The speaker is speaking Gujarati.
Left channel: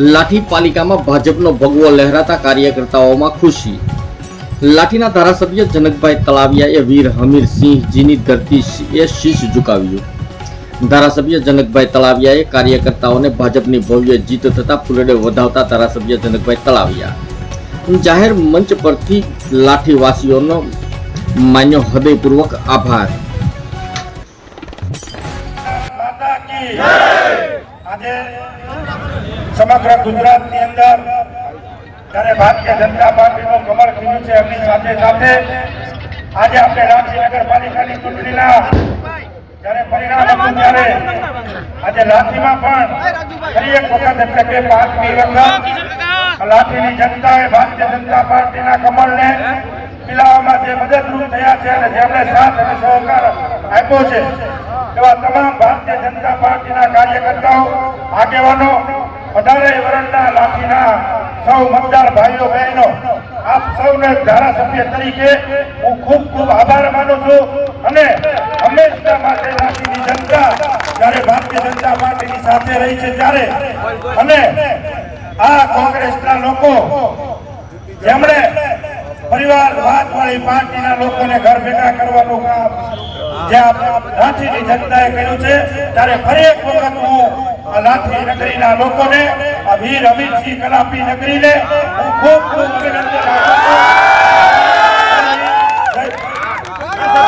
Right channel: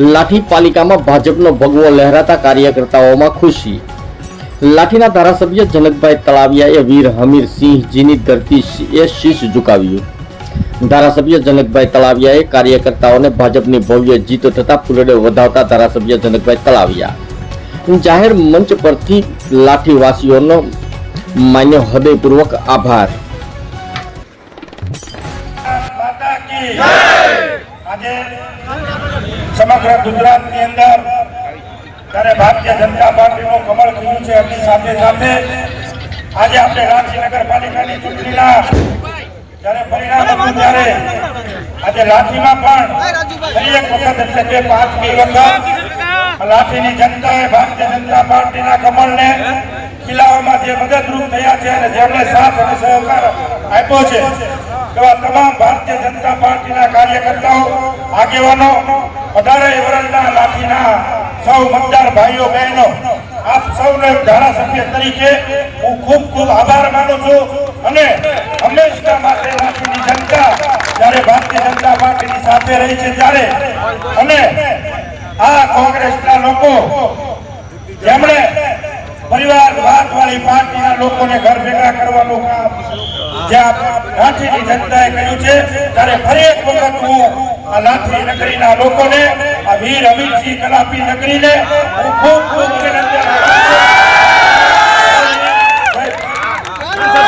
લાઠી પાલિકામાં ભાજપનો ભગવો લહેરાતા કાર્યકર્તાઓમાં ખુશી। લાઠીના ધારાસભ્ય જનકભાઈ તળાવિયાએ વીર હમીરસિંહજીની ધરતીએ શીશ ઝુકાવ્યું। ધારાસભ્ય જનકભાઈ તળાવિયાએ કાર્યકર્તાઓને ભાજપની ભવ્ય જીત થતા ફૂલડે વધાવતા ધારાસભ્ય જનકભાઈ તળાવિયા જાહેર મંચ પરથી લાઠીવાસીઓનો માન્યો હૃદયપૂર્વક આભાર। આજે સમગ્ર ગુજરાતની અંદર ત્યારે ભારતીય જનતા પાર્ટીનું કમળ ખીલ્યું છે। એમની સાથે સાથે આજે આપણે લાઠી નગરપાલિકાની ચૂંટણીના જ્યારે પરિણામ હતું ત્યારે આજે લાઠીમાં પણ ફરી એક વખત એટલે કે 5મી વખત લાઠીની જનતાએ ભારતીય જનતા પાર્ટીના કમળને ખીલાવવામાં જે મદદરૂપ થયા છે અને જેમણે સાથ અને સહકાર આપ્યો છે એવા તમામ ભારતીય જનતા પાર્ટીના કાર્યકર્તાઓ આગેવાનો 18 વર્ષના લાઠીના સૌ મતદાર ભાઈઓ બહેનો આપ સૌને ધારાસભ્ય તરીકે હું ખૂબ ખૂબ આભાર માનું છું અને હંમેશા માટે લાઠીની જનતા જ્યારે ભારતીય જનતા પાર્ટીની સાથે રહી છે ત્યારે અને આ કોંગ્રેસના લોકો જેમણે પરિવારવાદવાળી પાર્ટીના લોકોને ઘર ભેગા કરવાનું કામ જ્યાં લાઠીની જનતાએ કર્યું છે ત્યારે ફરી એક વખત હું આ લાઠી નગરીના લોકોને આ વીર હમીરસિંહ કલાપી નગરીને હું ખૂબ ખૂબ અભિનંદન આપું છું।